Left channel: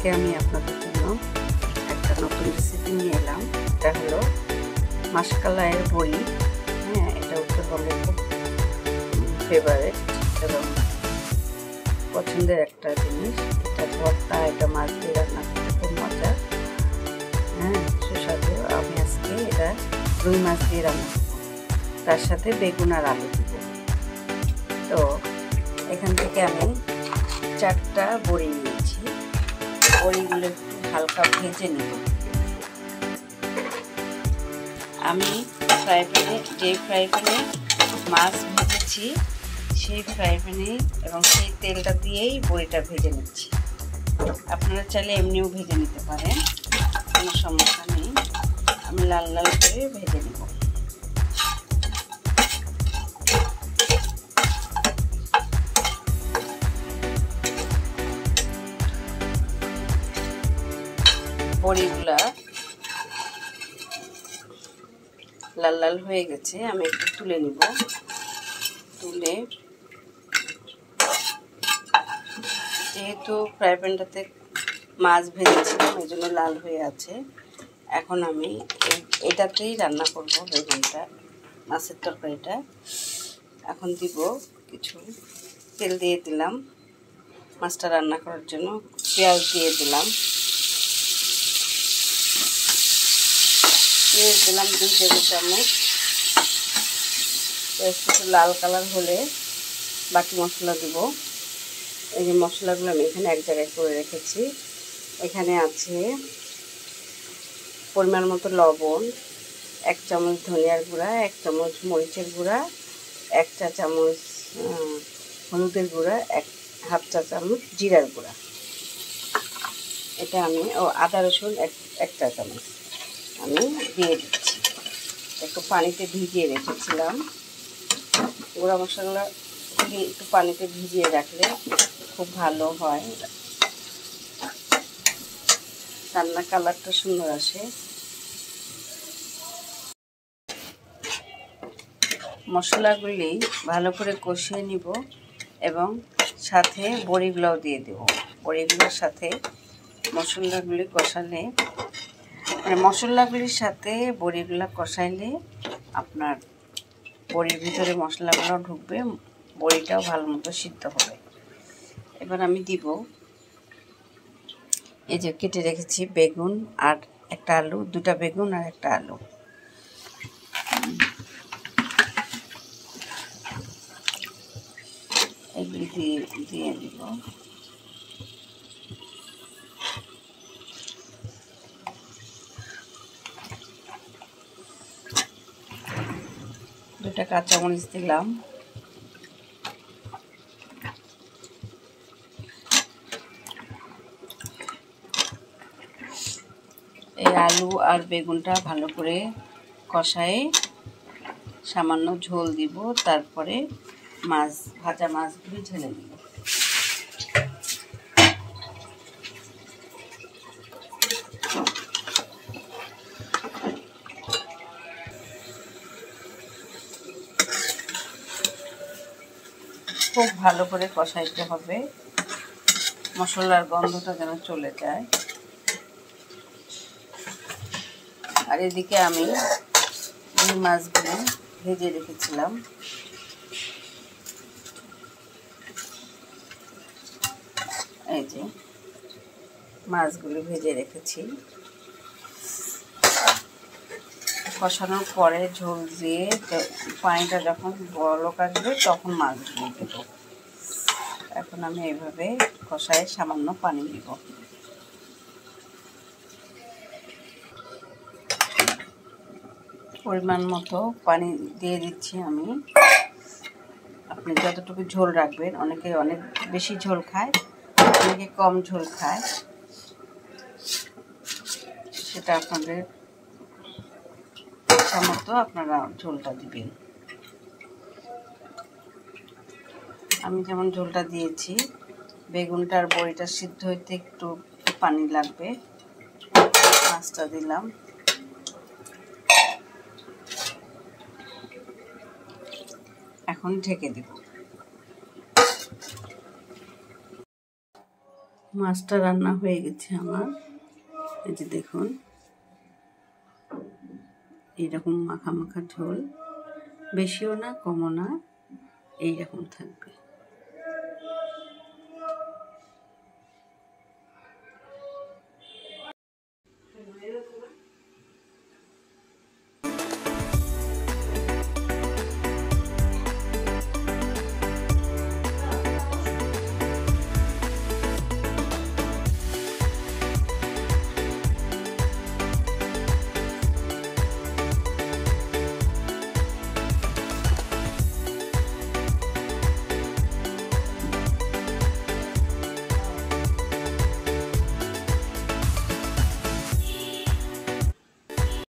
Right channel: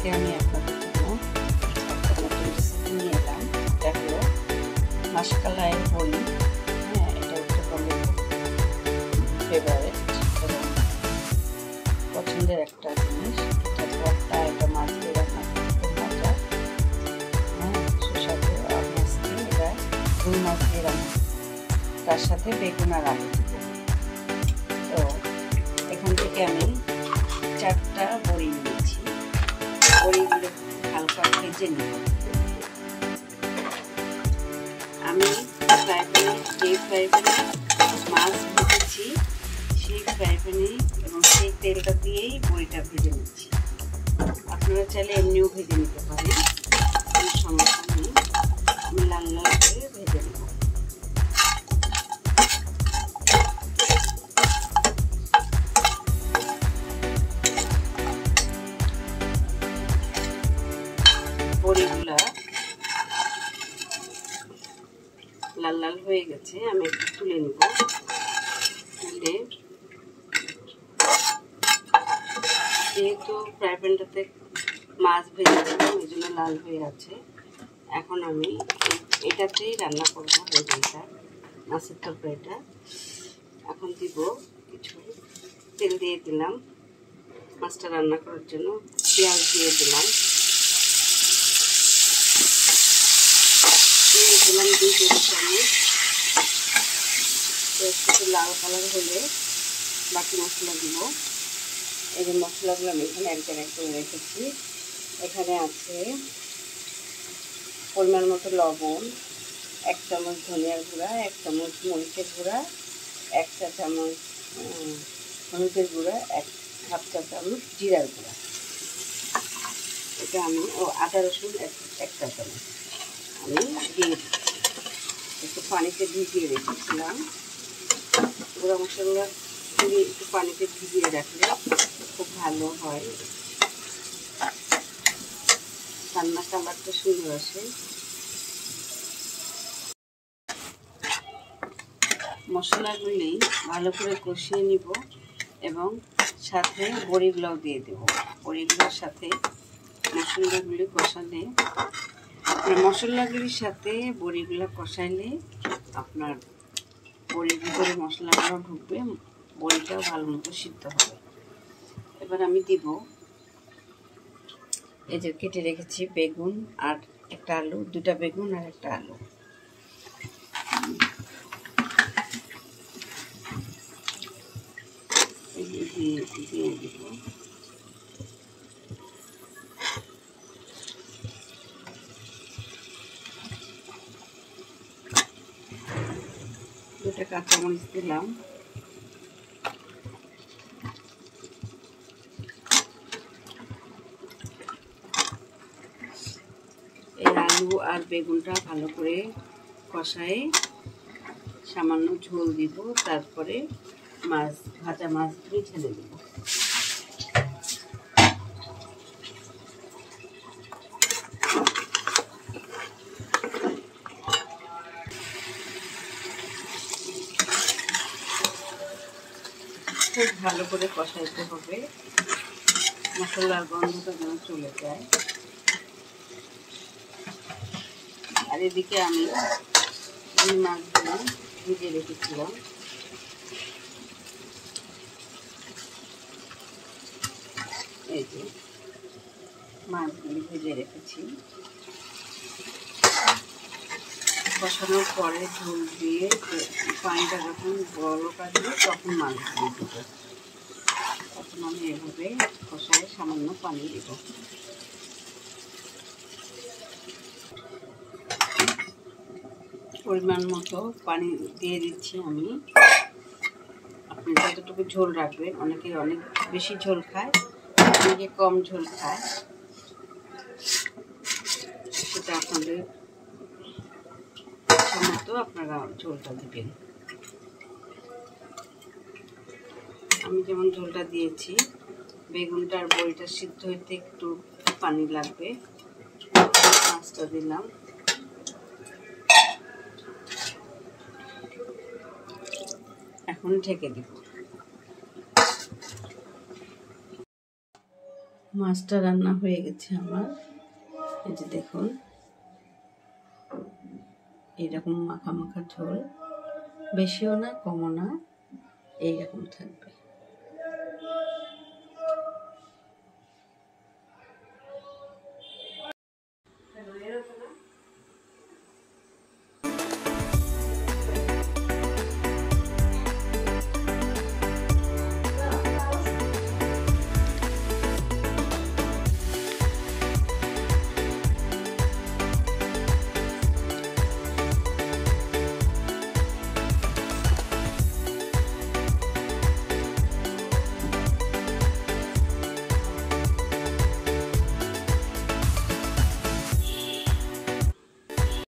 আজকে আমি আপনাদের জন্য একটা নতুন রেসিপি নিয়ে এলাম। এটা হলো মাশকালাইয়ের বড়ি। হ্যাঁ, এটা উত্তরবঙ্গের খুব ফেভারিট এবং পছন্দের একটা জিনিস। এটা ভর্তা, এটা মাছ দিয়ে রান্না করতে খুব মজা। হ্যাঁ, সুস্বাদু। আমি আজকে এটা রুই মাছ দিয়ে রান্না করব, তার সাথে বেগুন আর আলু দিব। তো এখান থেকে আমি 4টা বড়ি নিয়েছি। বড়িগুলো হালকা ভেজে নিব। আমি যে ফ্রাই প্যানে মাছ ভেজেছি সেই ফ্রাই প্যানে এবং সেই তেলটা দিয়েই বড়িটা ভেজে নিচ্ছি। আপনারা চাইলে এমনিও ভেজে নিতে পারেন, কোনো সমস্যা নেই। আমি লাল লাল করে ভেজে নেব। বড়িগুলা লাল লাল হয়ে গেছে, আমি একটু তুলে নিব। তুলে যেহেতু ফ্রাই প্যানটাতে মাছ ভেজেছিলাম এই জন্য লাল হয়ে আছে। এখন আমি এটাতেই রান্না করব বেগুনটা, মাছের তরকারিটা। এখন দিব কিছু তেল দিয়ে দিলাম মাছটা রান্না করার জন্য। পেঁয়াজ দিয়ে দিলাম, 2 টেবিল চামচ। একটু লাল কালার হলে বাকি মশলা দিব। এই যে মশলাগুলো আমি এখানে এক জায়গায় করে রেখেছি। এখানে আছে পরিমাণ মতো লবণ, 1 চামচ ধনিয়ার গুঁড়া, 1 চামচ মরিচের গুঁড়া, 1 চা চামচ হলুদের গুঁড়া, 1/2 চা চামচ জিরার গুঁড়া। এটা আমি আদা রসুন 1 চা চামচ আমি দিয়ে দিচ্ছি। একটু পানিতে ভিজিয়ে রেখেছিলাম। গুঁড়া মশলা একটু পানিতে ভিজিয়ে রাখলে খুব ভালো হয়, রান্নার কালারটা সুন্দর আসে। মশলাগুলি ভালো করে কষিয়ে নিব এবং সাথে বড়িগুলোও দিয়ে দেব। বড়িগুলোর সাথে মশলাগুলি কষালে, মশলাগুলির সাথে বড়িগুলো কষাইলে আপনার বড়ির ভিতরে মশলাগুলো ঢুকবে, বড়িটাও ভালো মতো সিদ্ধ হবে। এবার আমি দিব এই যে কেটে রেখেছি বেগুন আর একটা আলু, 2টা বেগুন আর একটা আলু। এগুলি দিয়ে দিব। দুটা কাঁচামরিচ দিলাম। এই আলু আর বেগুনটা ভালো করে কষায়ে সামান্য ঝোল দিব, তারপরে ভাজা মাছগুলি ঢেলে দিব। খুব ভালো করে কষাইতে হবে, মশলার গন্ধটা যেন চলে যায়। আর এদিকে আমি এই মাছগুলো ভেজে রেখেছিলাম। এই যে মাছগুলো ভেজে রেখেছি। কষানোর পরে ঝোল দিয়ে পানিটা যখন বলক আসবে তখন মাছগুলো দেব। এখন আমি এইভাবে কষায় সামান্য পানি দিব। পরিমাণ মতো পানি দিয়ে দিচ্ছি আমি। আপনি যতটুকু ঝোল রাখবেন, অনেকে অনেক বেশি ঝোল খায়, অনেকে কম ঝোল খায়, সেটা আপনাদের ইচ্ছা মতো আপনারা ঝোলটা দিবেন। আমি যেমন ঝোলটা দিয়েছি, বেগুনটার বড়িটা সিদ্ধ হইতে একটু পানি লাগবে। মাছটা দিলাম। এখন ঢেকে দেব। মাছটা রান্না হয়ে গেছে আমার। এই যে দেখুন, এইরকম মাখা মাখা ঝোল, বেশিও না কমও না, এইরকম থাকবে।